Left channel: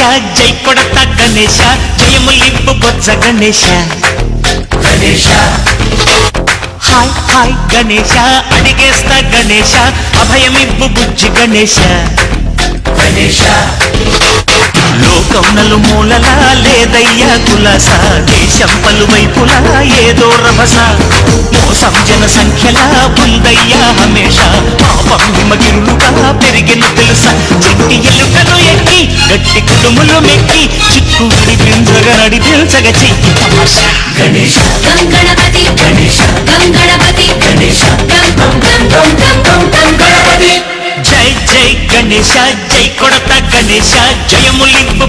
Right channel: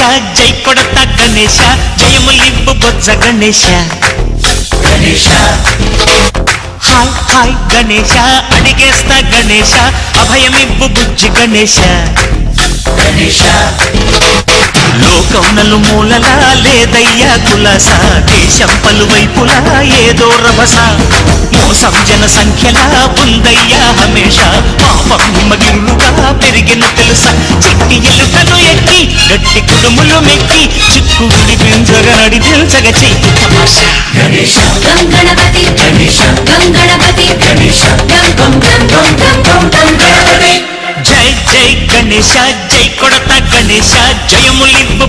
గణేశ జై కొడత గణేశ జయములివ్వు బొజ్జ Ganesha hi hi Ganesha అడిగేస్తా Ganesha అభయమివ్వు బుజ్జి గణేశ లోకం నలుమూలలా లేదయ్యా కులాస దేశం పలువైపులా ఏదో రభస మోసం జన సంఖ్యలా ఉందయ్యా హమేష పాపం హిమగిరులుగా పెరిగిన తెలుసా చెట్టి ఎలుకను ఎక్కి గట్టి కుడుములు మెక్కి చిక్కుడి బింజగ నడి తెలుసగ చెయ్యి తమాషా గంగణపతి గంగణపతి జై జై గణేశ జై కొడత గణేశ జయములివ్వు